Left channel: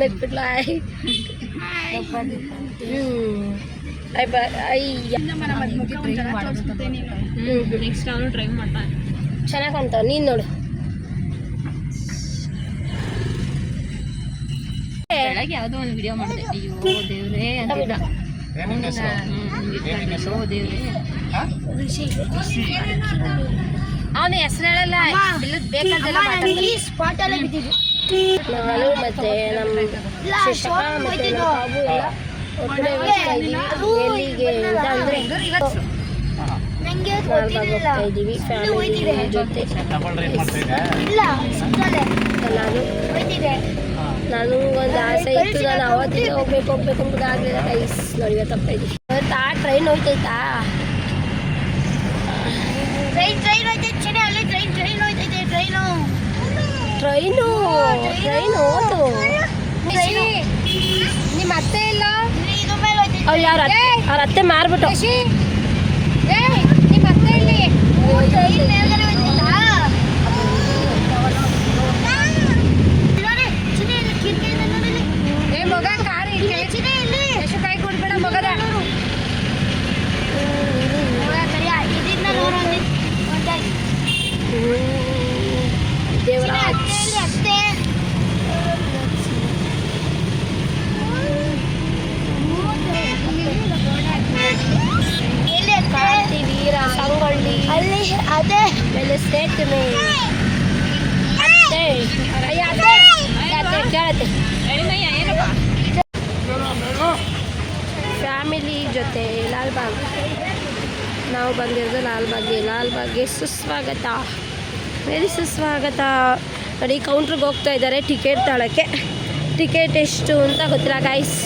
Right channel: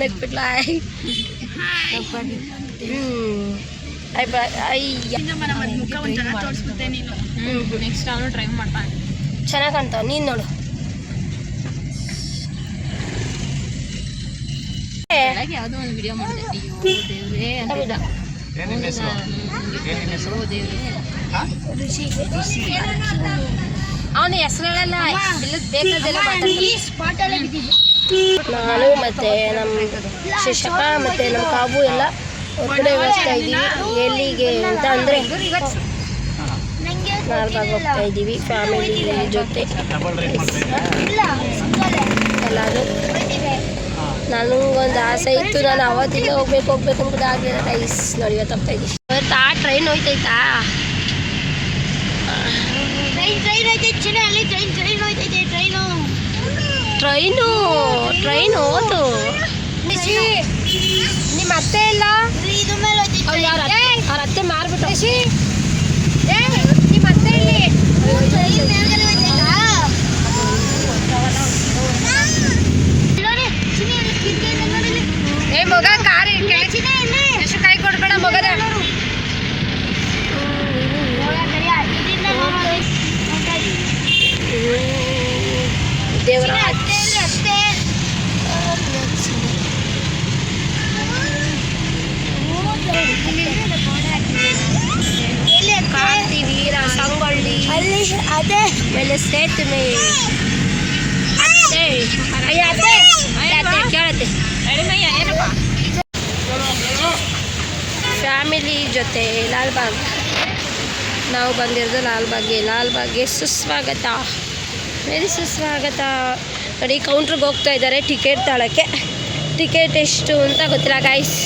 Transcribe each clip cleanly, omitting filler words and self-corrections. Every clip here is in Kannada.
ನಗ್ಬಿಟ್ಲ ಚೆನ್ನಾಗಿ ಕಾಣ್ತಾವ ನೀನು ನೋಡು ಯಾವುದೋ ಒಂದು ವಿಡಿಯೋ ಮಾಡಿದೆ ಅಯ್ಯೋ ದೇವ್ರೇ ಅಂತ ಅವನ ಹೆಸರು ಹೇಳಲ್ಲ ಬೇಕಾದೆಲ್ಲ ನಾನು ಮತ್ತೆ ನಮ್ಮ ಶಿಕ್ಷಕ ಮತ್ತೆ ನಮ್ಮ ಕಾಬು ಎಲ್ಲ ಹೊರಗಡೆ ಹೋಗ್ತಾ ಇದ್ದೀವಿ ಎಲ್ಲಿಗೆ ಅಂತ ಅಂದರೆ ಲಾಲ್ಬಾಗ್ ಹೋಗ್ತಾ ಇದ್ದೀವಿ ಫ್ಯಾಮಿಲಿ ಜೊತೆ ಎಲ್ಲರೂ. ನಾನು ಒಂದು ಆಸೆ ಇತ್ತು, ನಾನು ಅವತ್ತಿಂದ ಹೋಗ್ಬೇಕು ಅಂತ ಆಗಲಿಲ್ಲ ಗೈಸ್. ನೋಡಿ ಇವತ್ತು ಹೋಗ್ತಾ ಇದ್ದೀವಿ. ಇವತ್ತು ಟ್ರೈನ್ ಹೋಗ್ತೈತಾ? ಟ್ರೈನ್ ಹೋದು ನಿಮ್ಮ ಅತ್ತೆ ಇಲ್ಲ ಅವ್ರು ಯಾರು ಅವ್ರ ಅತ್ತೆ ಮಾರ್ಬಿಟ್ಟು ನಿಮ್ಮ ಅತ್ತೆ ಇಲ್ಲಿ ಮಗ ಕಾರ್ ಎಷ್ಟು ಕಾಯಿ ಕೊಡ್ಬೇಡ ಮಗದ ದೇವರಾಜ್ ಕಾರ್ತಿ ವೀರ ಸಂಗೊಳ್ಳಿ ಮೇಲೆ ಸೇತುವೆ ಅತ್ತೆ ಕೇಳತ್ತೆ ಫ್ಯಾಮಿಲಿ ಜೊತೆ ಲಾಲ್ಬಾಗ್. ನಾವು ಬಂದಿರೋದು ಲಾಲ್ಬಾಗ್ಗೆ ಸುಸ್ವಾಗತ, ವೆರಿ ಸುಸ್ವಾಗತ. ನೋಡಿ ಕೌಂಟ್ರಿಗೆ ಹೋಗ್ತಾ ಇದ್ದಾರೆ ಟಿಕೆಟ್ ತಗೊಳ್ಳೋಕ್ಕೆ. ಟಿಕೆಟ್ ಎಷ್ಟು ಅಂತ ಗೊತ್ತಿಲ್ಲ ಗೈಸ್.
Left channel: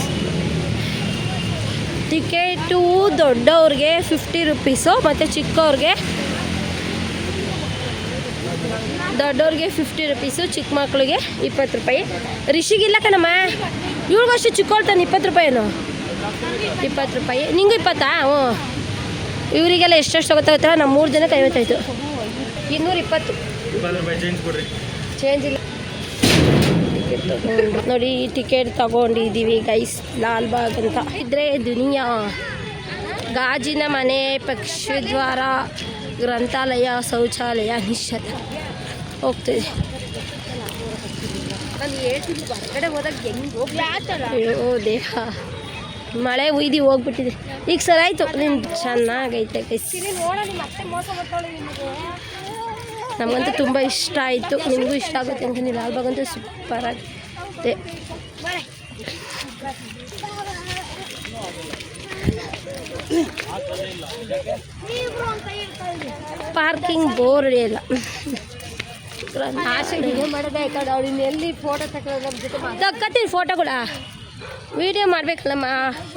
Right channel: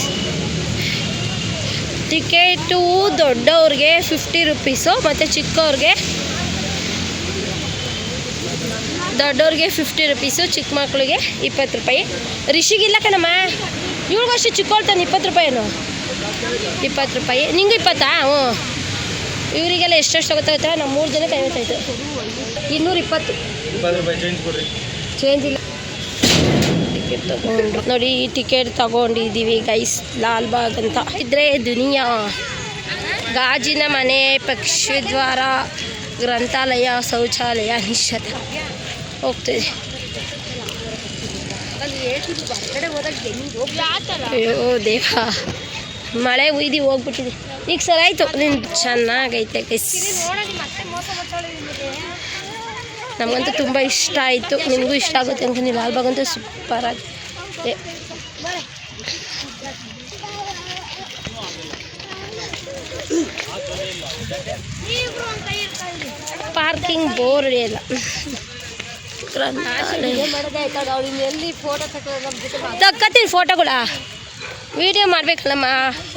ಟಿಕೆಟು ದೊಡ್ಡವ್ರಿಗೆ 50 ರೂಪೀಸು ಮತ್ತು ಚಿಕ್ಕವ್ರಿಗೆ 50 ರೂಪೀಸು, ಚಿಕ್ಕ ಮಕ್ಳಿಗೆ 20 ರೂಪಾಯಿ. ರಿಷಿಗಿಲ್ಲ ಕಣಮ್ಮ, ಇವ್ರಿಗಷ್ಟು ಚಿಕ್ಕವ್ಳ್ತಾನೆ 20 ರೂಪಾಯಿನು. 20 ರೂಪಾಯಿ ನಿಂಗೂ 20. ಹ್ಞೂ ಇವರಿಗೆಲ್ಲ ಎಷ್ಟೆಷ್ಟು ಗೊತ್ತಾಗುತ್ತಲ್ಲ. ನಮ್ಮ 3 ಜನಕ್ಕೆ 55, 220. ಚೇಂಜ್ ಇಲ್ಲ. ಟಿಕೆಟ್ ತಗೊಂಡ್ರು ನೋಡಿ, ಟಿಕೆಟ್ ತಗೊಂಡಿದ್ದೀವಿ ಗೈಸ್ ಲಾಲ್ಬಾಗ್ ಅಂತ. ಇದ್ರೆ ದುನಿಯಾ, ಗಾಜಿನ ಮನೆ, ಪಕ್ಷಿದ್ವಾರ, ಗ್ರಂಥಾಲಯ, ಶೌಚಾಲಯ, ನಿಶ್ಚತ ಹೋಗ್ತಿದೆ. ಅಯ್ಯೋ ದೇವ, ಮಳೆ ಉಯ್ದು ಹೋಗ್ಬಿಟ್ಟಿದೆ. ಈಗ ಸರಿ ಆಯಿತು, ನೀನು ಚೆನ್ನಾಗೈತೆ ಗೈಸ್. ನಮಗಂತೂ ತುಂಬ ಇಷ್ಟ ಆಯಿತು, ನಿಮಗೂ ಇಷ್ಟ ಆಗುತ್ತೆ ಅಂತ. ನೀವು ಲಾಲ್ಬಾಗ್ ಅಂತೂ ಸೂಪರಾಗಿ. ಪಾರ್ಕಿಂಗ್ ಬೋರ್ ಇಲ್ಲ. ತಕ್ಕತ್ತೀನಿ ಫೋಟೋಗಳ ವಿಡಿಯೋ ಮಾಡಬೇಕಲ್ಲಮ್ಮ.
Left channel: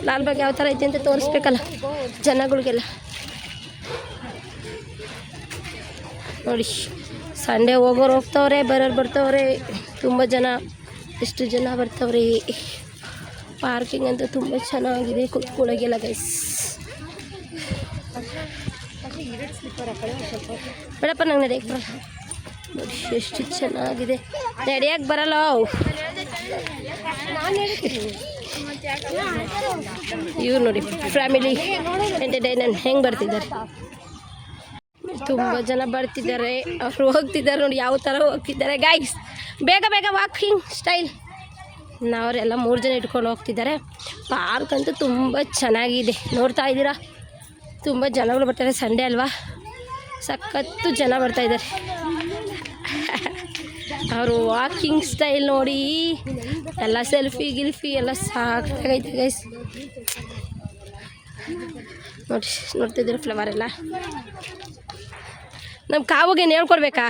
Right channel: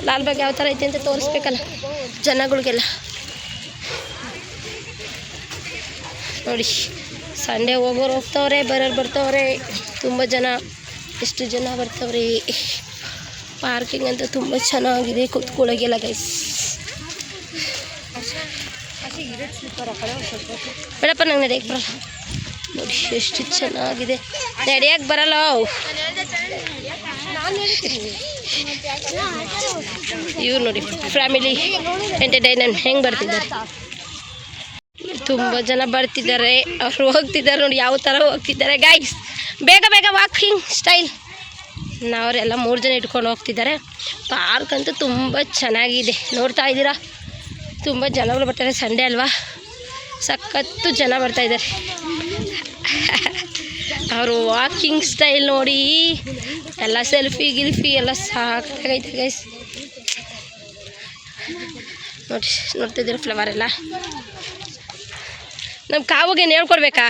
ಲಾಲ್ಬಾಗ್ ಯಾವ ಥರ ಐತೆ ಅಂತ ತೋರಿಸ್ಬೇಕಲ್ಲ ಜನಗಳಿಗೆಲ್ಲ. ನೋಡಿ ಸಂಡೇ ಹೋಗೋರು ಹೋಗ್ತವ್ರೆ, ಬರೋರು ಬರ್ತವ್ರೆ. ತುಂಬ ಜನ, ಎಷ್ಟು ಜನ ಬರ್ತವ್ರಿ. ಪಾರ್ಕಿಂಗ್ ಅಂತ ತುಂಬ ಚೆನ್ನಾಗಿದೆ, ಕೂತ್ಕೊಳ್ಳೋಗೆಲ್ಲ ಗೈಸ್. ಬೇಡಪ್ಪ ನಂಗೆ ನಡೆಯಕ್ಕೆ ಬರಲ್ಲ. ನೋಡಿ ಎಷ್ಟು ಚೆನ್ನಾಗಿದೆ, ನಡೆಯಕ್ಕೆ ಬರಲ್ಲ. ಇವ್ರು ನೋಡಿ ಫ್ಯಾಮಿಲಿ ಎಂಟರ್ಟೈನ್ಮೆಂಟ್ ಹೆಂಗೆ ಬರ್ತಿದ್ದಾರೆ. ತುಂಬ ಜನ ಬರ್ತಿದ್ದಾರೆ, ಅವರು ಹೋಗ್ತಿದ್ದಾರೆ. ನೋಡಿ ಯಾವ ಥರ ಹೋಗ್ತಿದ್ದಾರೆ ಗೈಸ್. ಬೇಗ ವಾಕಿಂಗ್ ಸ್ಟೈಲ್. ನಾವರೆಲ್ಲ 3 ಜನ ಇಟ್ಕೊಂಡು ಹೋಗ್ತಿದ್ದಾರೆ. ಪಾರ್ಕ್ ಅಂತೂ ತುಂಬ ಚೆನ್ನಾಗಿದೆ, ನೋಡ್ತಾ ಇದ್ದೀರಾ. ತುಂಬ ಜನಗಳು ಬರ್ತಾರೆ, ಸಂಡೇ ಅಲ್ವಾ, ಸಖತ್ತು ಜನ ಬರ್ತಾಯಿದ್ದಾರೆ. ಅವರು ವಾಕಿಂಗ್ ಸ್ಟೈಲ್ ನೋಡಿ, ಎಲ್ಲ ಸೆಲ್ಫಿ ಗಿಲ್ಫಿ ಎಲ್ಲ ಸಾಕಾಗೈತೆ ಗೈಸ್. ನೋಡ್ತಿದ್ದೀರ ಫ್ಲವರ್ ಎಲ್ಲ. ನಮ್ಮ ಕಾವಿಗೆ ಹೇಳ್ಕೊಡ್ಬೇಕಾ?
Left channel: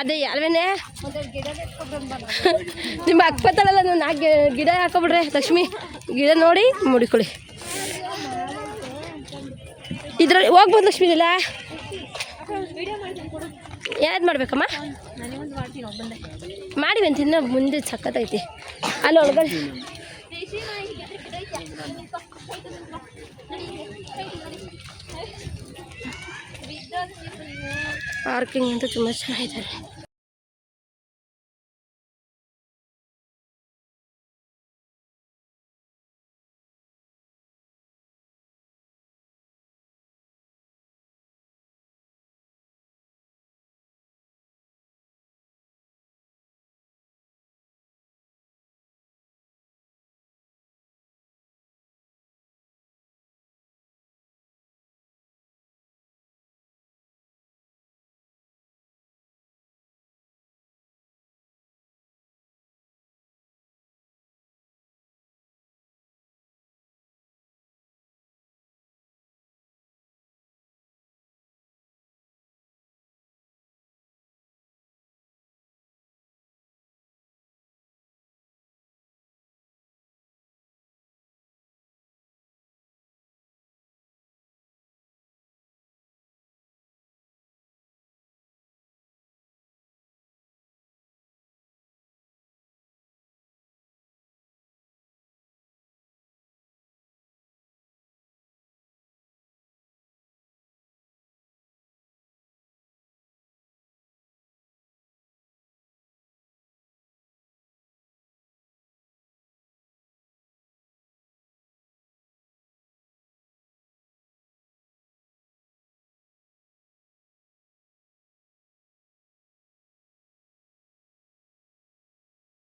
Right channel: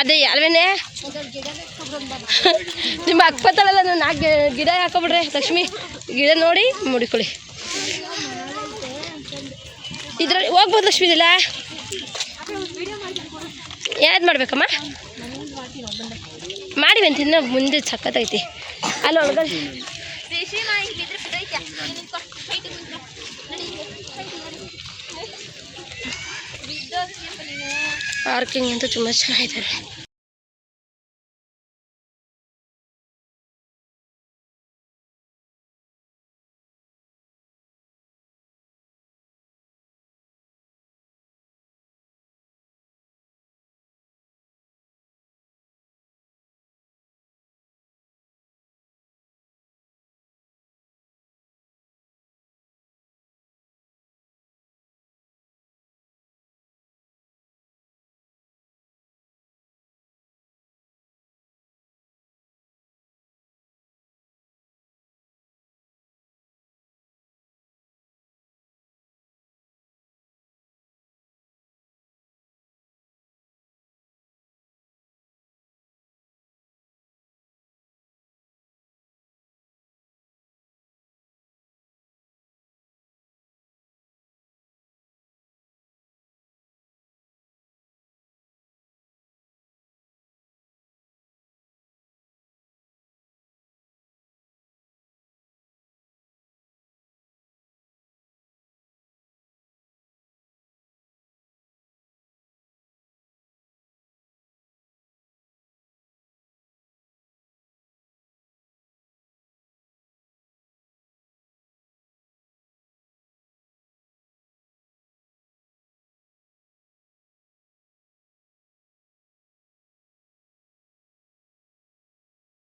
ಅದೇ ಅಲ್ವೇನೆ, ನಿಮ್ಮ ಅಕ್ಕಪತ್ತಲ್ಲ, ನಾನು 4 ಗಿಡ ಹಾಕೊಬಿಡ್ರಿ ಲಕ್ಷ್ಮಿ. ಗಿಡ ನೋಡಿ ಮುಡಿಕೊಳ್ಳಿ. ಇದ್ರಲ್ಲಿ ಹೋಗ್ಬೋದು ಲಕ್ಷ್ಮಿ. ಇದೆಲ್ಲ ಯಾವ್ದು ಮಾಡ್ಬೇಕಮ್ಮ? ಮಾಡಿವಂತ ಇನ್ನು ಮುಂದೆ ಸಖತ್ತೈತಿ. ಅಲ್ಲಿ ಒಳಗಡೆ ಪಾರ್ಕಿಂಗ್ ಅಂತೂ ತುಂಬ ಚೆನ್ನಾಗಿದೆ.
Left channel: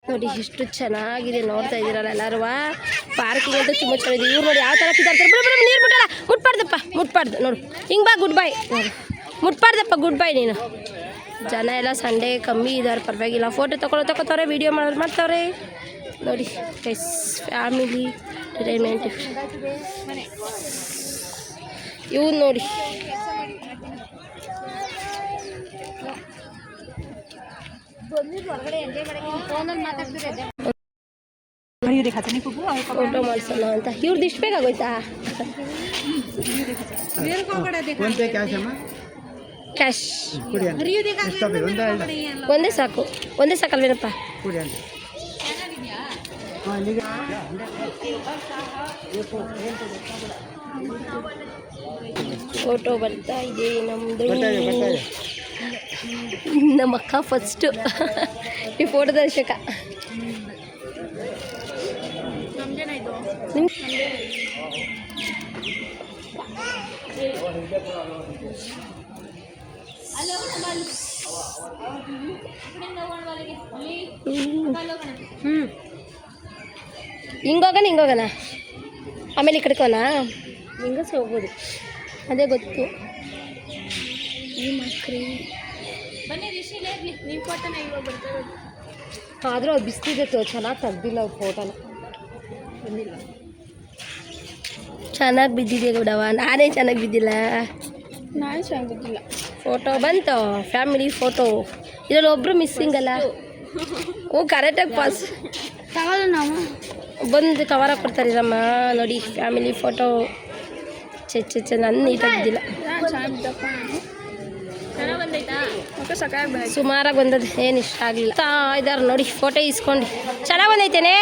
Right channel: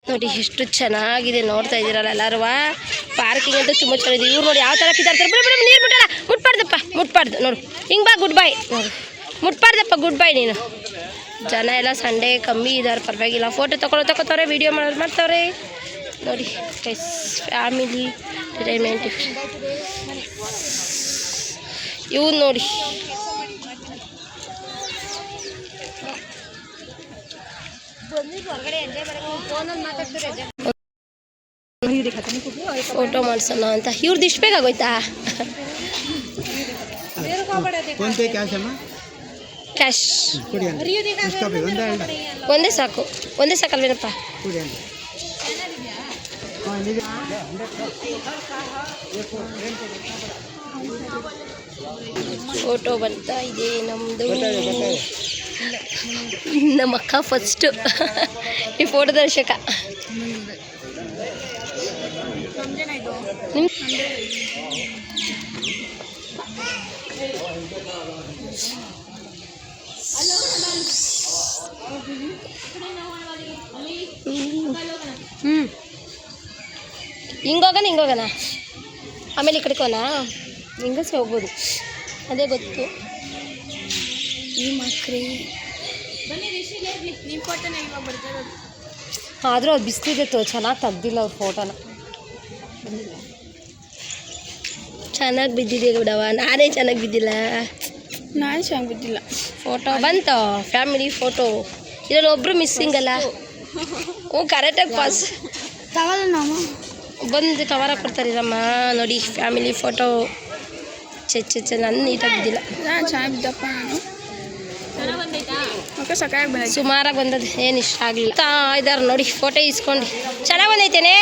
ನೋಡಿ ಎಷ್ಟು ಚೆನ್ನಾಗಿದೆ, ನೋಡ್ತಾ ಇದ್ದೀರಲ್ಲ ಎಲ್ಲರೂ. ಪಾರ್ಕಿಂಗ್ ಅಂತ ತುಂಬ ಚೆನ್ನಾಗಿದೆ. ಇವ್ರು ನೋಡಿ ಯಾವ ಥರ ಕಿತ್ತಾಡ್ತಾರೆ. ನೀರು ಬಿಟ್ಟಲ್ಲ, ಮುಟ್ಬಾರ್ದಪ್ಪ, ಮುಟ್ಬಾರ್ದು. ನೋಡು ಹಿಂಗೆ ಬಾ, ಗುಡ್ ಬೈ. ನೋಡು ಮುಟ್ಬಾರ್ದಪ್ಪ, ಗುಡ್ ಬೈ ನೀನು. ಜನ ಎಲ್ಲ ಸಂಡೇ ಕಮ್ಮಿ ಇದ್ದಾರೆ, ಪರವಾಗಿಲ್ಲ. ಫೋಟೋ ತಗೋತವ್ರೆ, ವೀಡಿಯೋ ಮಾಡ್ತವ್ರೆ. ನೋಡಿ ಫ್ಯಾಮಿಲಿ ಎಂಟರ್ಟೈನ್ಮೆಂಟ್. ಇವ್ನು ನೋಡಿ ಫೋಟೋ ಮಾಡ್ಸೋಣ ಅಂತ. ಇವ್ರದ್ದು ಇಷ್ಟು ಬೇಕಾಗೋಯ್ತಾ? ಕ್ಯಾಶ್ ಒಂದೇ ಸಾಕು, ಒಂದೇ ಸಾಕಲ್ವೇನಪ್ಪ? ಫೋಟೋ ಬರ್ತಾ ಇದೆ ನಮ್ಮದು. ನಮ್ಮ ಅಕ್ಕ ಫಸ್ಟು ಈ ಫೋಟೋ ದರ್ಶಕ. ಹಿಂಗೋಗೋಣ ಆಮೇಲೆ ಈ ಕಡೆಗೋಣ. ಹಿಂಗಸೆ ಹೋಗ್ಬೋದು, ಅದೇ ಗೊತ್ತು. ಈ ಮಕ್ರಿ ಆದರೂ ಅದು ಬಿಸ್ತಿದೆ, ಚೆನ್ನಾಗಿ ತೆಗ್ದಿಲ್ಲ ಅವ್ರ ಫೋಟೋನ. ಚೆನ್ನಾಗಿ ಬಿದ್ದಿದೆ ಬಿಡವ, ನಾನೇ ಚೆನ್ನಾಗಿ ಬಿದ್ದಿಲ್ಲ. ನಾನು ಚೆನ್ನಾಗಿ ಬಿದ್ದಿಲ್ಲ. ಫೋಟೋ ಬಂತು, ಫ್ಯಾಮಿಲಿ ಫೋಟೋ. ಇದರಲ್ಲಿ ಒಬ್ಬರು ಮಿಸ್ಸಿಂಗ್ ಅಲ್ಲ. ಕರೆಕ್ಟಾಗಿ ಪಾಸ್ ಬಂದು ಕವರ್ ಕೊಡ್ತಾರಿರಮ್ಮ. ನೋಡಿ ಫ್ಯಾಮಿಲಿ ಫೋಟೋ. ನಾನು ನೀಟಾಗಿ ಬಿದ್ದಿಲ್ಲ, ಸುಮಾರಾಗಿ ಬಂದದ್ದು, ಏನು ಇಷ್ಟ ಆಗಲಿಲ್ಲ. ಇದಾರೆ ನೋಡಿ ಫೋಟೋ ಇಸ್ಕೊಂಡು. ಚೆನ್ನಾಗಿ ಬಂದೈತೇನೆ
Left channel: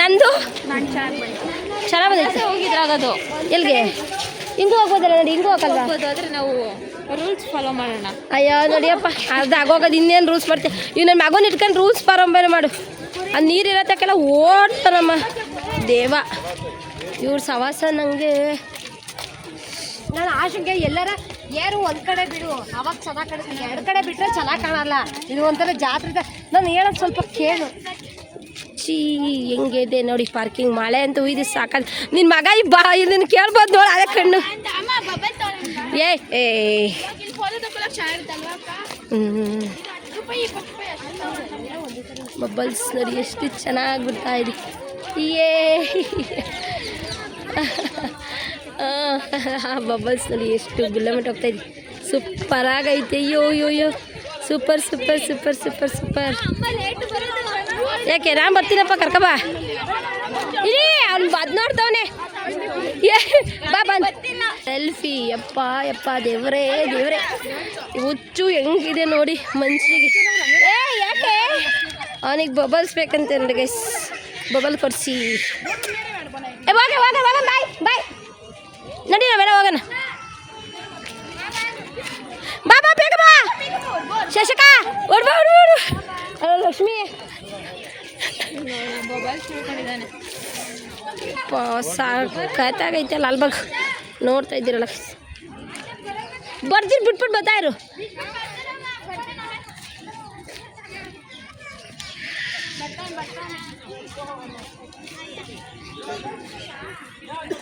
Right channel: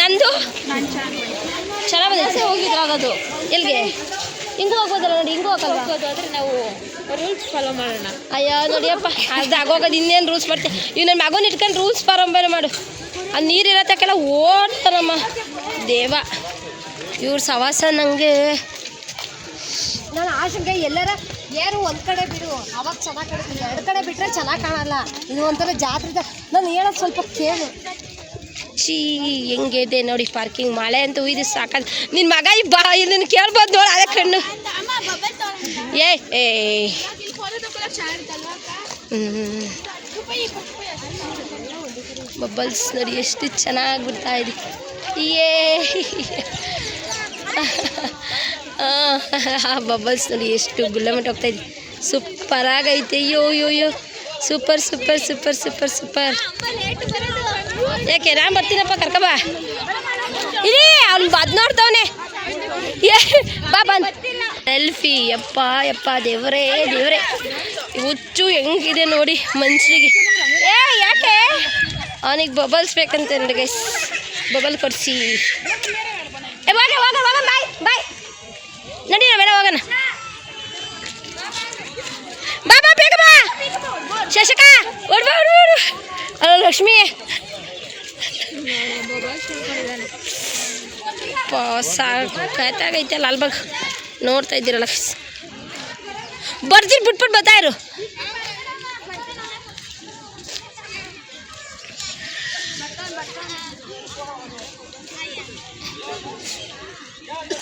ನಂದು, ಚೆನ್ನಾಗಿ ಬಂದೈತೆ. ಹೋಗಿದ್ರಾಗದು ಎಲ್ಲಿಗೆ? ಹಿಂಗೂ ಹೋಗೋದಲ್ಲ ನೋಡಿ, ಹಿಂಗೂ ಹೋಗಲ್ವಾ? ನಾವು ರೂಲ್ಸ್ ಫಾಲೋ ಮಾಡೋಣ. ಅಯ್ಯೋ ನೋಡಿಯಪ್ಪ, ಅದು ಆಗೋಗೋದು ಇನ್ನೇನು ರೂಲ್ಸ್ ಮಾಡ್ತೀವಿ. ಈಗ ನನ್ನ ಮಗನ ಇಟ್ಕೊಂಡು ರೂಲ್ಸ್ ಫಾಲೋ ಮಾಡು. ಅದು ನೀರು ಇರತ್ತಕ್ಕೆಲ್ಲ ಓಡ್ತಾರಮ್ಮ ದೇವ. ಇವ್ರ ಸವಾಸ ನನಗೆ. ನಾನು ಆಶಂಗೆ ಎಲ್ಲರ ಯಾರು ಒಂದು ಕಡೆ ಬಿಡು, ಅವಾಗ ಚೆನ್ನಾಗಿ ಕಾಣುತ್ತೆ. ಎರಡು ಕಡೆ ಬಿಟ್ಟರೆ ಚೆನ್ನಾಗಿ ಕಾಣಲ್ಲ. ಇದು ಒಂಥರ ಜಾತ್ರೆ. ನಾನು ಹೇಳೋದು ಸ್ವಲ್ಪ ಕೇಳು. ಹೆಂಗಿದೆ ನೋಡಿ ಪಾರ್ಕಿಂಗ್. ಮಳೆ ಅಂತ ಉಯ್ದು ಸಾಕಲ್ಲ. ನಿನ್ನ ಮಗ ಇದನ್ನು ಕೇಳ್ಬೋದು ನೋಡಿ, ಅದೇ ಕಣ್ಣು. ಬಬಲ್ಸ್ ನೋಡಿ ಎಷ್ಟು ಚೆನ್ನಾಗಿ ಬಿಡ್ತಾ ಇದೆ. ಬಬಲ್ಸ್ ನೋಡಿ ಎಷ್ಟು ಗುಳ್ಳಮಟ್ಟ ಹೋಗ್ತಾ ಇದೆ. ಸೂಪರಾಗೈತೆ. ಅಯ್ಯೋ super super super super super. ಯಾಕೆ ನಾನು ಬರ್ತೀನಪ್ಪ, ಕರ್ಕಬಾ. ಇದೇ ಅವ್ನು ಅದು ನೋಡ್ತವನೆ. ಬಾ ಬಂದು ಸೆಲ್ಫಿ. ಯಪ್ಪ ದೇವರೇ ಹುಚ್ಚು ಹೆಂಗಿದೆ ನೋಡಿ ಮನುಷ್ಯರಿಗೆ. ಯಾಕೆ ಅವನಿಗೆ ಬಬಲ್ಸ್ ಬೇಕಂತ ನನಗೆ. ಬಬಲ್ ಕೊಡಿಸಿ. ಬಾಯ್ ನಡಿ ನಾವೆಲ್ಲ ಹೋಗೋಣ. ಬಾ ಬಾ ಬೇಗ ಬಾ ಶಶಕ ಓಡ್ಬಾ ಓಡ್ಬಾ ಓಡು ಅಲ್ಲ ಲಕ್ಷ್ಮಿ ಸಾಕಾಯ್ತಲ್ಲ ಅಲ್ಬಾಗ ನೋಡ್ತಾ ಇದ್ದೀರಲ್ಲ ಬರ್ತೀರಿ ಬಿಟ್ಬಿಟ್ಟು ಬರ್ತಾ ಇರು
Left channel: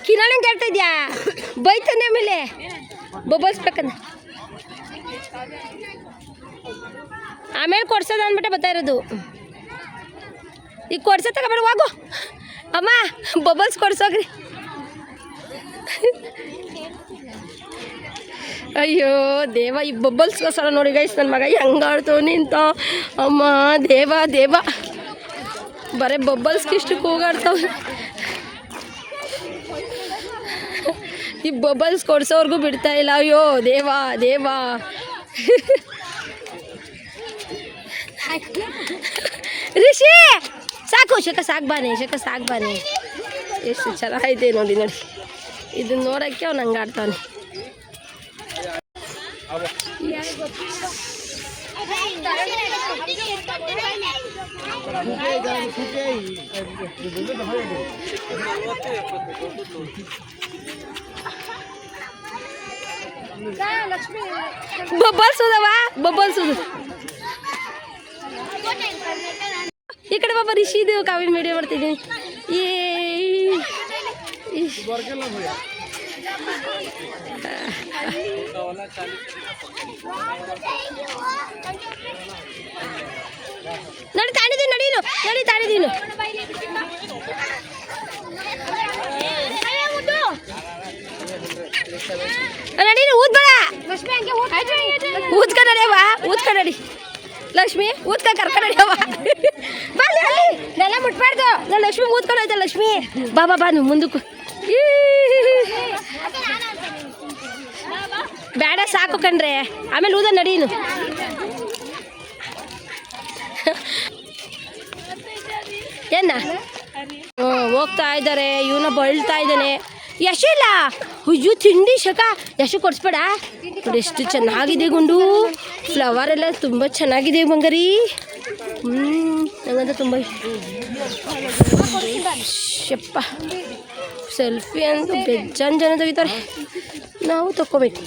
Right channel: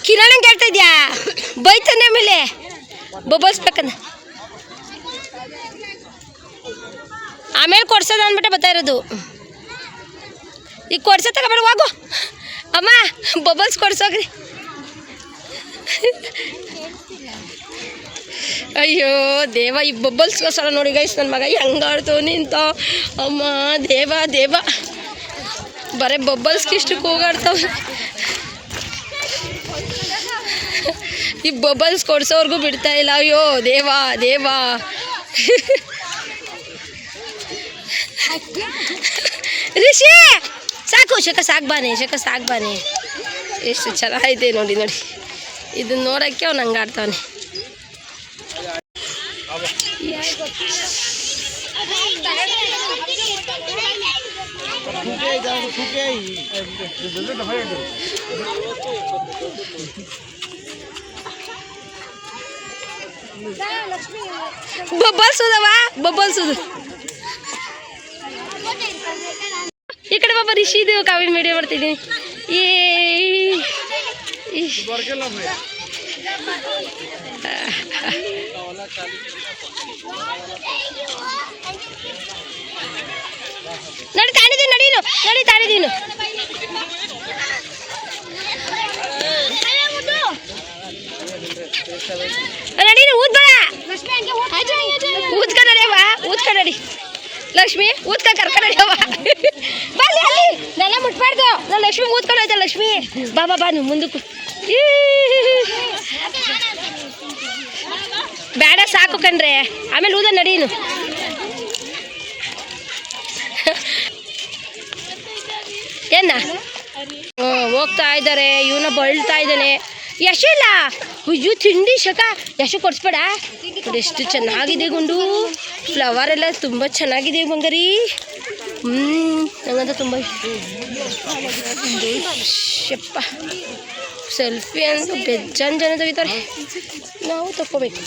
ಕಿರಣ ಕೇಳ್ತಾ ಇದ್ಯಾ ಬೈತಾನೆ ಆಮೇಲೆ ಬಬಲ್ಸ್ ಬೇಕಂದ ಆಮೇಲೆ ಕೊಡ್ಸೋದು ಅಂದ್ಬಿಟ್ಟೆ ಬರ್ತಾ ಇರೋದು ಈಗ ಕೊಡ್ಸೋ ತಗೊಬೇಡ ಹೋಗು ಅಮ್ಮ ಬಬಲ್ಸ್ ಕೊಡ್ಸೋಗ್ರಿ ಅಯ್ಯೋ ದೇವ ಈ ಬಬಲ್ಸ್ಗೋಸ್ಕರ ನೋಡಿ ಗೈಸ್ ನನ್ನ ಮಗ ಹೆಂಗಾಡ್ತು ನಿಂತ ಅಮ್ಮ ದೇವ ದೇವ ಬರೀ ಬಬಲ್ಸ್ಗೆ ಇಷ್ಟು ಕೂಗಾಡ್ತಾವೆ ಈ ಬಬಲ್ಸ್ ಕೊಡ್ಸೋರ್ಗೂ ಬಿಡ್ತಾ ಇಲ್ಲ ಅಯ್ಯೋ ದೇವ ದೇವ ರಿಷಿ ಸಾಕು ಶಕ ಸಾಕು ಬಾನೆ ಎಷ್ಟು ಚೆನ್ನಾಗಿದೆ ನೋಡಿ ಇದನ್ನ ನೋಡೋಕ್ಕೆ ಅವ್ನು ಹಂಗೆ ಆಡ್ತಾನೆ ಬಬಲ್ಸ್ ಈ ಕಡೆ ಬಾಬಾ ರಿಷಿದು ಕಾವಿನ ವಿಡಿಯೋ ಮಾಡ್ತಿದ್ದೀನಿ ನಡಿ ತಾಡಿದೀನು ನಡೀನು ಊದ್ಬೇಡ ಊದ್ಕ ನಡಿ ಲಕ್ಷ್ಮಿ ಊದ್ಕ ಕರ್ಕ ನಡಿಯವ ಬಲ್ಲಿ ಅಲ್ಲಿ ನನ್ನ ಮುಟ್ಬಾರ್ದು ನಾನು ಲಕ್ಷ್ಮಿ ಊದ್ಕೊಂಡು ಹೋಯ್ತಾ ಲಕ್ಷ್ಮಿ ಬಾಬಾ ಬಾನು ಮುಂದಕ್ಕೂ ಬೇಡ ಸಾಕು ಕಣ್ರೆ ಆಮೇಲೆ ಊದ ನಡೀನು ಏನ ಹೋಗ್ತಾ ಇದ್ದಾರೆ ಇವನ ಬಳ್ತಾ ಇದ್ದಾನೆ ಯಶಿಲ್ಲ ಅಯ್ಯೋ ತಿಂಡಿ ಶಕ ಯಶು ಕೊಡಿಸ್ಬೇಡ ಎಷ್ಟು ಚೆನ್ನಾಗಿದೆ ಗುಂಡು ಫ್ಲವರ್ ಎಲ್ಲ ತುಂಬ ಚೆನ್ನಾಗಿದೆ ಬಂಗಾರಿ ನಂಗಂತ ತುಂಬ ಶಪ್ಪ ಸೆಲ್ಫಿ ಅಂತ ಬೆಜ್ಜಾನ್ ಜನ ತೆಗಿತಾರೆ ನಾವು ತಗೋಬೇಕು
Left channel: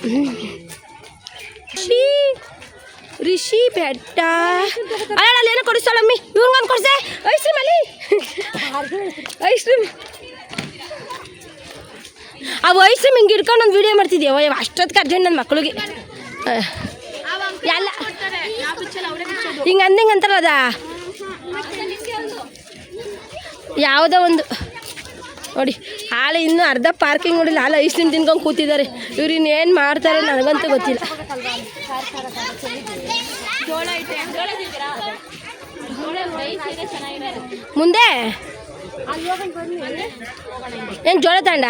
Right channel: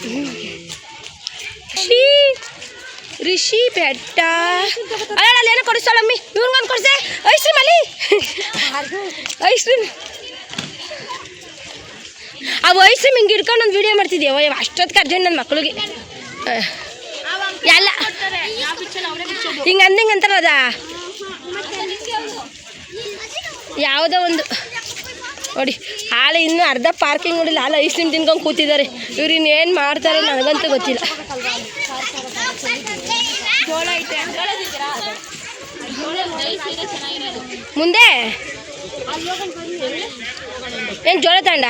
ರಿಷಿ ಬೆಟ್ಟ ಅಲ್ಲಿ ಏನೋ ಕೊಡಿಸ್ತಾಳಮ್ಮಿ ಇವ್ನಿಗೇನು ಕೊಡಿಸೆ ಐಸ್ ಕ್ರೀಮ್ ಅಲ್ಲಿ ಐಸ್ ಕ್ರೀಮ್ ಅವು ಐಸ್ ಕ್ರೀಮ್ ಹಿಂಗೆ ಹಿಡ್ಕೊಂಡು ಒಂದು ವೀಡಿಯೋ ಮಾಡ್ತಿದ್ದೀವಿ ಅಷ್ಟೊತ್ತಿಗೆ ಅರ್ಜೆಂಟ್ ನನ್ನ ಮಕ್ಳಿಗೆ ಎಲ್ಲ ಹಿಂಗೆ ಅಂದಂತಾರೆ ಅದ ಯಾವುದೋ ಒಂದು ನೋಡಿ ಹಾಲು ಇನ್ನೂ ಅರ್ಧ ಪಾರ್ಕಿಂಗ್ ನೋಡಿಲ್ಲ ಹಾಲು ಐಸ್ ಕ್ರೀಮ್ ತಿನ್ಕೊಂಡು ಕೂತಿದ್ದಾರೆ ಇವ್ರು ಇನ್ನೇನು ಮಾಡ್ತಾರೆ ನನಗಂತೂ ಗೊತ್ತಿಲ್ಲ ಮುಂದೆ ಏನು ಜೋಳ ತಗೊಂಡ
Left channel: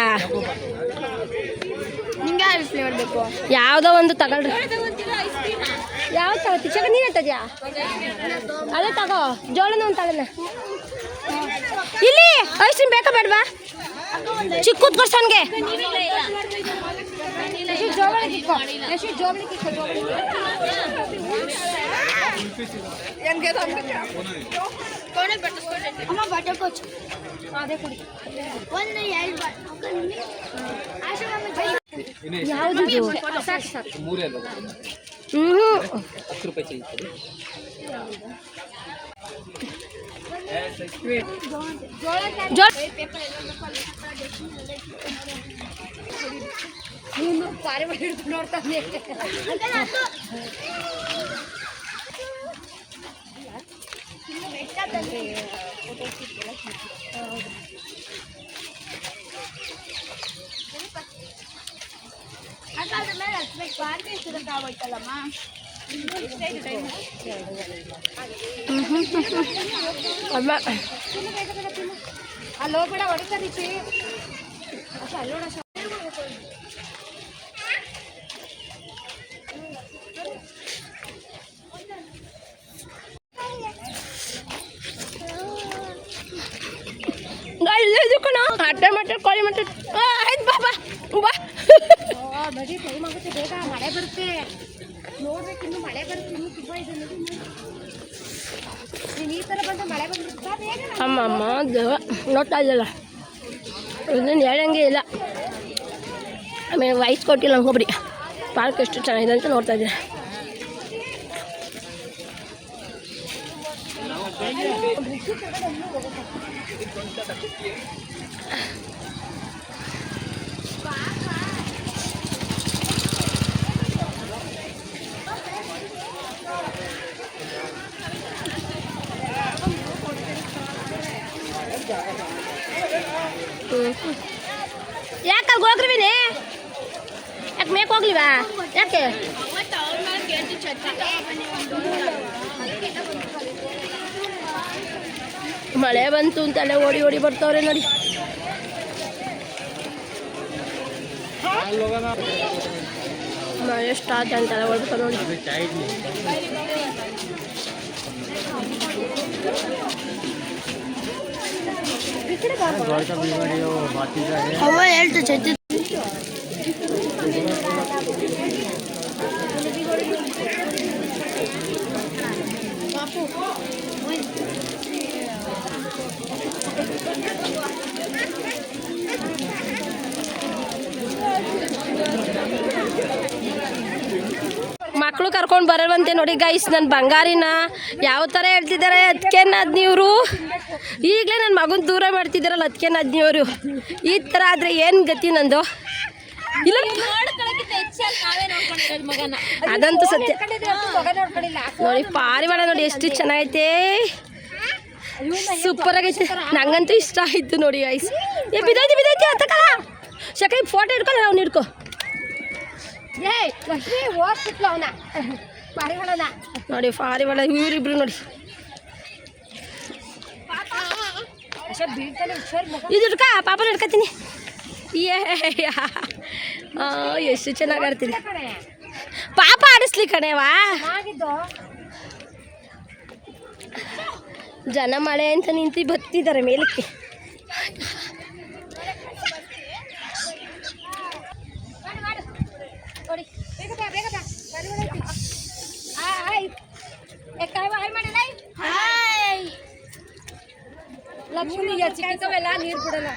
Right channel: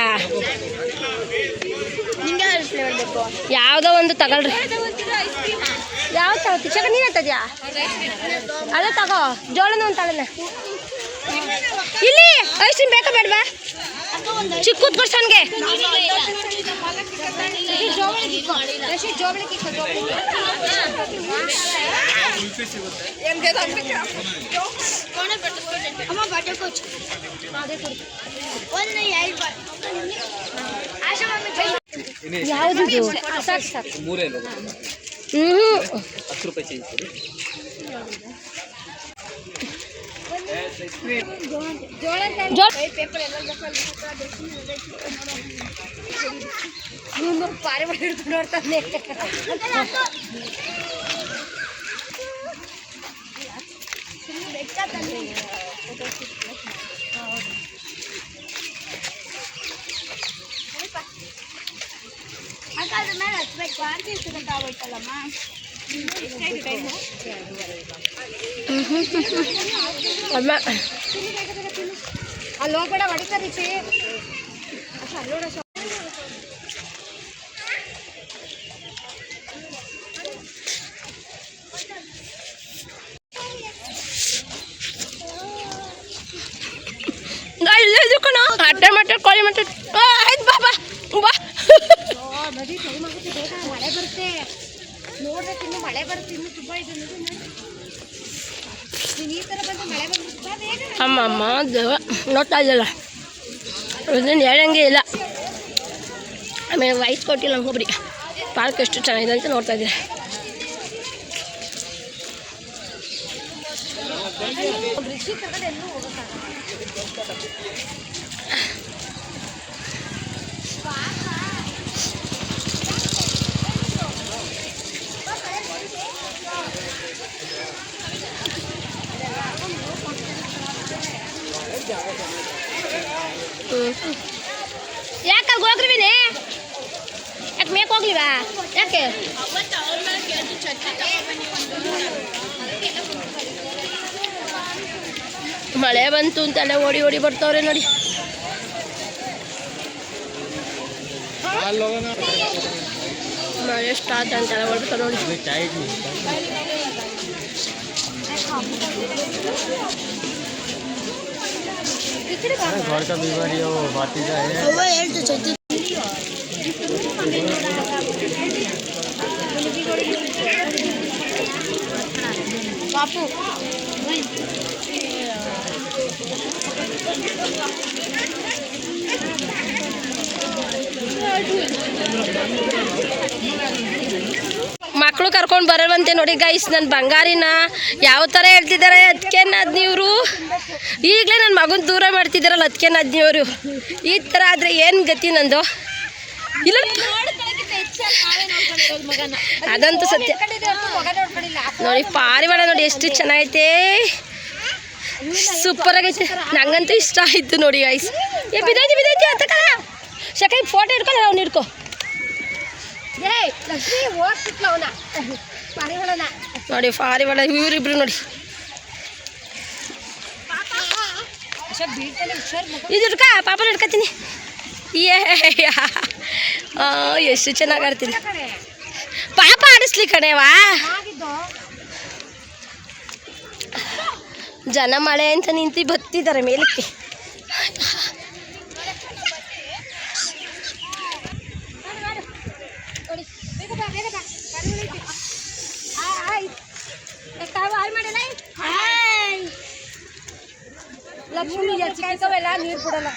ಯಾವುದೋ ಒಂದು ತಗೊಳ್ರಿ ಯಾವ ತಗೋತಿ ಚಕ ನೀನು ತದ್ಯಾ ಅದೇ ತಗೋ ಜೋಳನ ಒಂದು ತಗೊಳ್ಳ ಇಲ್ಲಿ ಐಸ್ ಕ್ರೀಮ್ ಬೇಕಾ ಬೇಡವಾ ಚಿಕ್ಕೂತ್ ಪರ್ಸನ್ಗೆ ಯಾವುದು ಪಾರೆ ಮಾಡಿ ಹಿಡ್ಕೊಂಡು ನೋಡ್ತಾನೆ ಅದ್ರ ಮೇಲೆ ಹಚ್ಬೇಕು ಪಾರ್ಟಿ ಇಷ್ಟದಂತ ಆಗೋಯ್ತಲ್ಲಮ್ಮ ಅಲ್ಲಿ ಹೋಗ್ಬೇಡ ಹೊಡಿತಾರೀತಿ ಅಲ್ಲೋಣ ಅಡ್ಡ ಮಟ್ಟ ಕೋಳಿ ಮಟ್ಟ ಆಯ್ತು ಬಾ ಬಾ ಬಾ ನದಿ ಟೈಮ್ ಆಗುತ್ತೆ ಬೇಗ ಮಳೆ ಬರುತ್ತೆ ನೋಡ್ಬೇಕು ಇನ್ನು ಮಳೆ ಬರುತ್ತೆ ಇನ್ನು ತುಂಬ ಇದೆ ನೋಡಿ ನೀನು ಈ ಥರ ಬಂದು ಮಳೆ ಬಂದ್ಬಿಡ್ತಾ ಬೇಗ ಅಮ್ಮ ನೋಡ್ತಾ ಇದ್ದಲ್ಲ ಇದನ್ನು ಹೇಳಂಗೆ ಇಲ್ಲ. ಆಮೇಲೆ ವಯಸ್ಸು ಕೊಟ್ಟಿಲ್ಲ ಒಬ್ಬರಿ ಪಾರ್ಕ್ ಎಷ್ಟು ಚೆನ್ನಾಗಿದೆ ಅಂತ ನೋಡ್ತಾ ಇದ್ದೀರಾ. ಯಾಕೆ ಹೋಗ್ರಿವಿನೇ ಯಾಕೆ ಮೇಕ್ ಹೋಗ್ಲಿವಾ ಯಾಕೆ ಮಳೆ ಬಂತು ಅಂತೆಲ್ಲ ಓಡಿ ಓಡಿ ಬರ್ತಾವ್ರೆ ನೋಡಿ. ಮಳೆ ಸ್ಟಾರ್ಟ್ ಅಂತೆಲ್ಲ ಓಡ್ತಾರೆ ನೋಡಿ. ಮಕ್ಕಳು ಕರ್ಕೊಂಡು ಬರಲ್ವಂತೆ ನೋಡಿ ಗೈಸ್. ನನ್ನ ಬಂಗಾರಿನ ಯಾವ ಥರ ಹೇಳ್ತಿದ್ದಾರೆ ಅದಕ್ಕೆ ನದ್ನಿಯವರು. ಈಗಲೇ ನನ್ನ ಮಗನ ದೂರ ಮಾಡ್ತಿದ್ದಾರಲ್ಲ ಅದಕ್ಕೆ ನದ್ನಿಯವರು. ಈ ಥರ ಆದರೆ ಏನು ಗತಿ ನಂದು ಇಲ್ಲ. ಅದಂತೂ ಸತ್ಯ ನೋಡಿ. ಪಾರಿವಾಳ ನೋಡಿ ಎಷ್ಟು ಚೆನ್ನಾಗೈತೆ, ಸೂಪರ್ ಆಗೈತೆ. ನಂಗಂತೂ ಇಷ್ಟ ಆಯಿತು ನೋಡಿ ಗೈಸ್. ಬಿದ್ದೈತಿ ಅಂತಕ ಶಕೈ ಫೋಟೋ ಹಿಡ್ಕೊಂಡು ಅವ್ನು ಹಿಡ್ಕೊ. ನೋಡಿ ಪಾರಿವಾಳ ಇವರಿಬ್ರು ನೋಡಿ. ಇದು ಹಿಡ್ಕ ಪಾಪನ ಹಿಡ್ಕತೀನಿ. ಎಷ್ಟು ಚೆನ್ನಾಗಿ ಆಡ್ತೀನಿ. ಪಾಪ ಆಡಿಸ್ಲಿ ಕಣೇವಾ. ಜನ ಮಳೆ ಅಂತ ನಿಂತು ಬತ್ತಿದ್ದಾರೆ ಮೇಲಕ್ಕೆ. ಲಕ್ಷ್ಮಿ ಚಿಕ್ಕವೆಲ್ಲ ನೀರು ಬಿಡಲ್ಲ.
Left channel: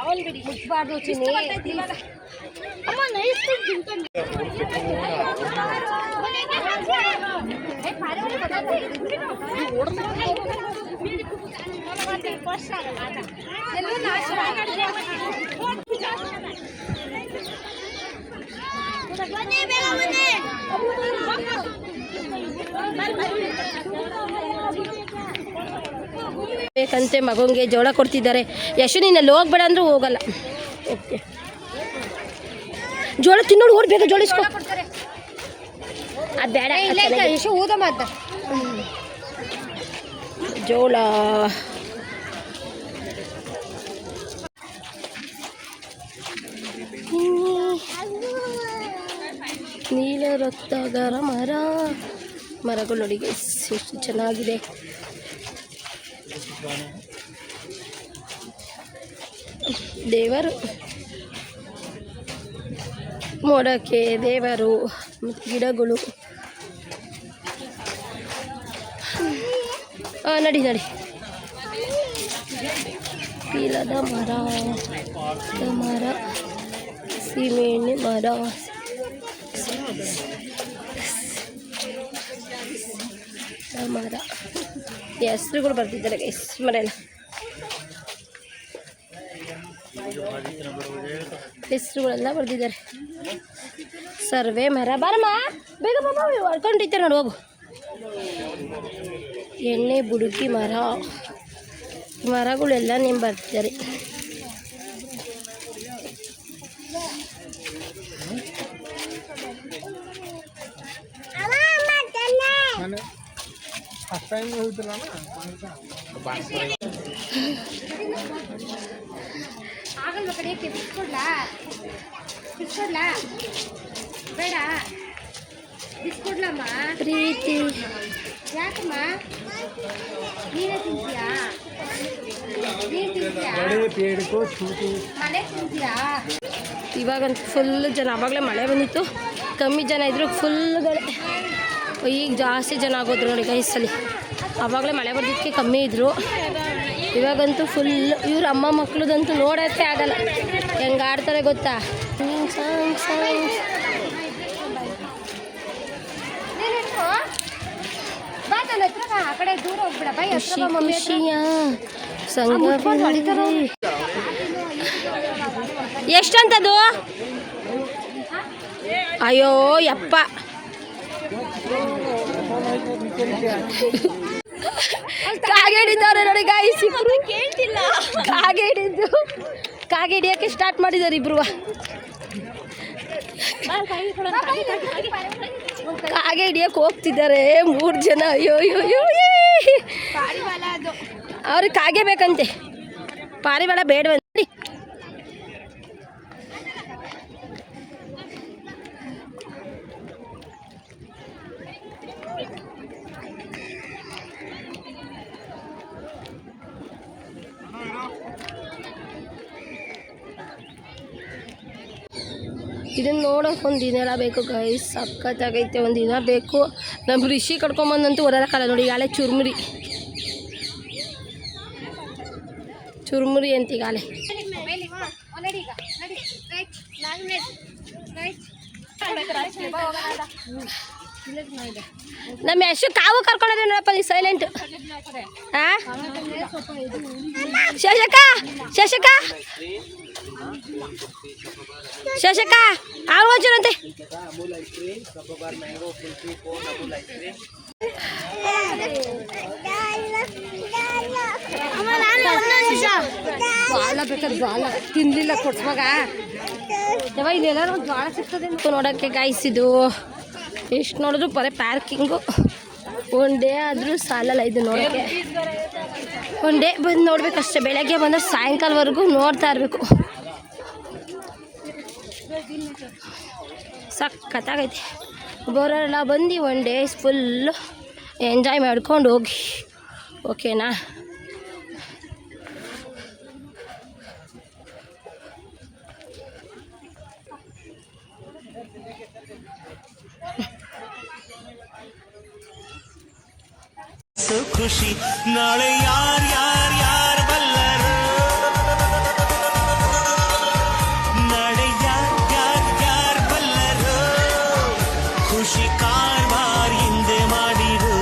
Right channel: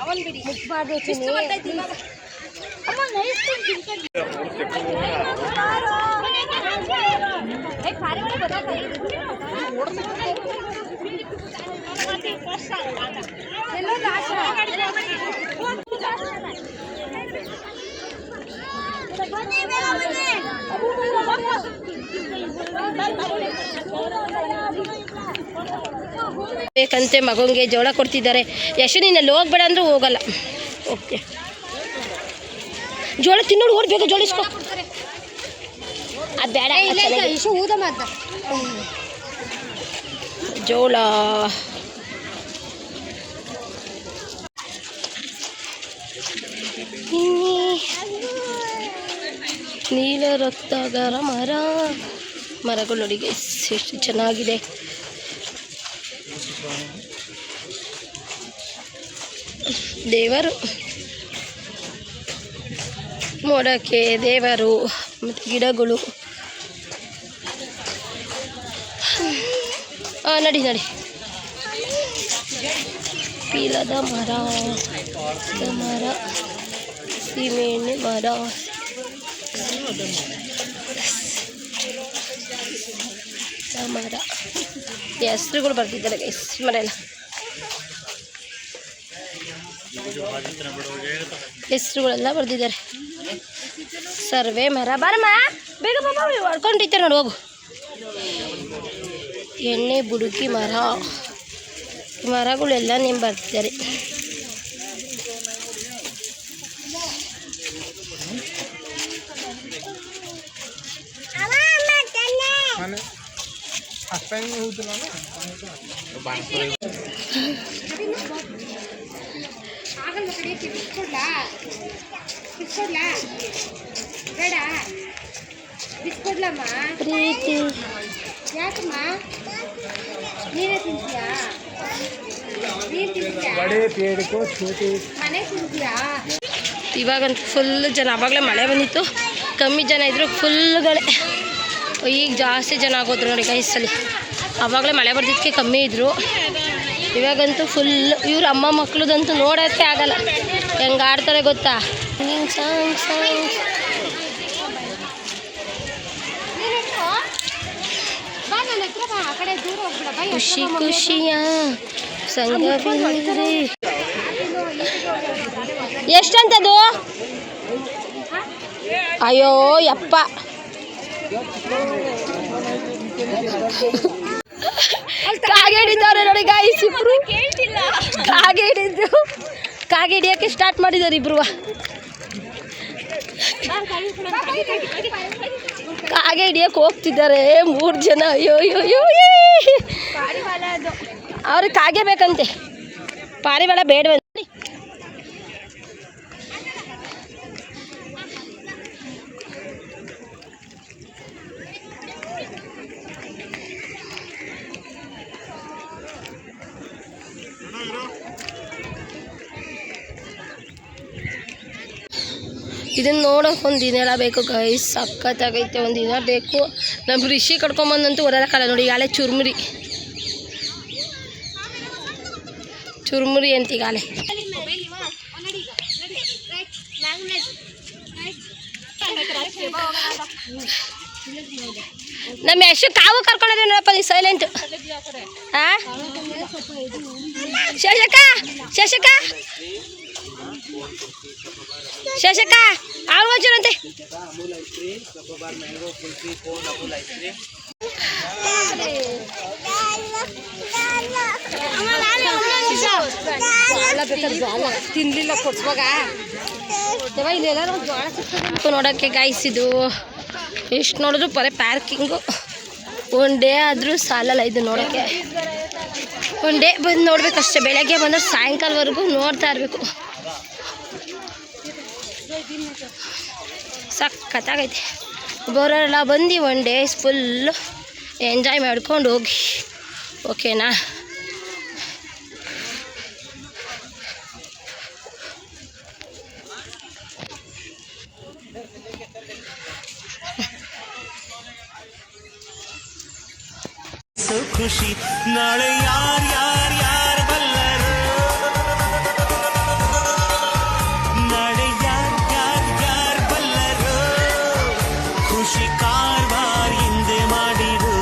ಅವನ್ ಬಿಡಿ ಮುಟ್ಬಾರ್ದು. ಬೇಕಂತೆ ಮಗಂಗೆ ಜೋಳ ಕೊಡ್ತಿದ್ದಾರೆ. ಯಶು ನೀನಲ್ಲಿ ಹೋಗ್ಬೇಡ ಅಂದ್ರೆ ಹೋಗಲ್ಲ. ಓಕೆ ಜೋಳ ತಿನ್ನೋಡು ಓಡ್ ಬೇಗ ಜೋಳಿಸ್ಕೊ. ಅದು ಬೇಡ ಯಶು ಊದ ಮಾತ ಜೋಳ. ನೀಲ ರಕ್ತಗರ ಮರಗಳು ನೋಡಿ ಎಷ್ಟು ಚೆನ್ನಾಗಿದೆ. ದೇವರು ಮೋಡಕ್ಕೆ ದೇವರು ಮತ್ತು ಗಿಡಗಳು. ನಡಿ ಪೀಲದ ಮರ, ಸೀಮೆಎಣ್ಣೆ ಮರ, ಮರ ಹೆಸ್ರುಗಳು ಬರ್ತಿದ್ದಾರೆ ಮರ ಎಲ್ಲ. ಹೆಸ್ರುಗಳೆಲ್ಲ ಬರ್ದಿದ್ದಾರೆ. ಸರ್ವೆ ಮರ. ಬಾರಮ್ಮ ಬೇಗ ಬಾಬಾ ಹೊಡ್ಕೊಂಡಿರ್ತಾರೆ ನೋಡಿ ಹೋಗು. ಎಣ್ಣೆ ಬುಡುಕಿ ಮರ, ಮರಗಳೆಲ್ಲ ನೇಮ್ ಬರ್ತಿದ್ದಾರೆ. ಬೇಡ ಬಿಸ್ಕೊಡ್ಲಮ್ಮ ಪ್ರೀತಿ ಯಾಕಮ್ಮ ನೀನೇ ತಿಂತೀಯಾ? ಇವಾಗಂತೂ ಫುಲ್ ಜನ. ಆವಾಗಲೇ ಮಳೆ ಬಂದಿತ್ತು, ಕಮ್ಮಿ ಜನ ಇದ್ರು ಫುಲ್ಗಳೇ. ಈಗ ಜಾಸ್ತಿ ಜನ ಆಗೋದ್ರು ನೋಡಿ ಗೈಸಲ್ಲಿ. ಆವಾಗಲೇ ಮಳೆ ಬರ್ದಿದ್ದಕ್ಕೆ ಕಮ್ಮಿ ಇದ್ದರು, ಇವಾಗಂತೂ ಫುಲ್. ಇವ್ರ ಅಮ್ಮ ಮಕ್ಳದಂತೂ ನೋಡೋಕ್ಕೆ ಆಗಲ್ಲ, ಹೆಂಗೆ ಆಡ್ತಾರೆ ಗೊತ್ತಾ. ಸಾಂಗ್ ಸಾಂಗ್ ಖುಷಿ ಖುಷಿಯ ಸಂಗವಿದೆ. ಎಷ್ಟಂತದು? ಅಯ್ಯೋ ಯಪ್ಪ, ಕಾಗೆ ಹಿಡಿದವ್ರೆ ನೋಡಿ ಗಾಯ್ಸ್ ಇಬ್ರು. ಕಾಗೆ ಹಿಡಿದ್ರು, ಕಾಗೆ ಹಿಡಿಯೋಕ್ಕೆ ಸ್ಟಾರ್ಟ್ ಮಾಡಿದ್ದಾರೆ ಇಬ್ರು. ಕಾಗೆ ಹಿಡಿಯೋಕೆ ಹೋಗ್ತಿದ್ದಾರೆ 3 ಜನ. ಅಯ್ಯೋ ಅಯ್ಯೋ ಅಯ್ಯೋ, ಅವ್ರಿಗೆ ಕಾಗೆ ಬೇಕಂತೆ, ಪಾರಿವಾಳ ಬೇಡವಂತೆ. ಇದನ್ನು ನೋಡೋಕೆ ಒಂದು ದಿನ ಬೇಕು ಗೈಸ್, ಸಖತ್ತಾಗೈತೆ. ಒಂದು ದಿನ ಬೇಕು. ನಮ್ಮ ರಿಷಿ ಕಡ್ಕೊಂಬಂದಂತೂ ಓಡೋಕ್ಕಾಗಲ್ಲ ನೋಡಿ. ಈಗಾಳೆ ಚುರುಮುರಿ ಅಂತ ಈಗಾಳೆ. ನಮ್ಮ ಎಷ್ಟು ಕಾವು ಕರ್ಕೊಂಡಿದ್ದೀವಿ ನೋಡಪ್ಪ, ನೀವು ಸೈಲೆಂಟ್. ಹಾಂ ಶಶಕ ಆಗೋಚರಂತೆ. ತಿನ್ಲಿಲ್ಲ ಕೊಡ್ಸುವಾಗ ನೋಡೋಕ್ಕೆ ಗಾಯಿಸಿದ್ದು ಎಷ್ಟು ನೋಡಿದ್ರು ಬರೀ ಪಾರ್ಕಿಂಗು. ಒನ್ ಡೇ ಆದರೂ ಸಾಲಲ್ಲ ಇದು ನೋಡೋಕ್ಕೆ. ಒನ್ ಡೇ ಬಂದು ನೋಡ್ಬೇಕಷ್ಟೇ. ಬೆಳಗ್ಗೆ ಬಂದರೆ ಸಾಯಂಕಾಲವರೆಗೂ ನೋಡ್ತಾ ಇರಬೇಕು. ಸಖತ್ತಾಗೈತೆ. ಬರೋರೆಲ್ಲ ಬಂದು ಒನ್ ಡೇಸ್ ಫುಲ್ಲು ಎಂಜಾಯ್ ಮಾಡ್ಕೊಂಡು ಹೋಗಿ, ಓಕೆನಾ? ಖುಷಿ ನಾಳೆ ಯಾರ್ ಯಾರ್ ಯಾರ್ ಬಲ್ಲರು, ನಾಳೆ ಯಾರ್ ಯಾರ್ ಯಾರ್ ಬಲ್ಲರು, ಖುಷಿ ಕಾರ್ವಾರ್ ಹಿಂದೆ ಮಾಡಿರು.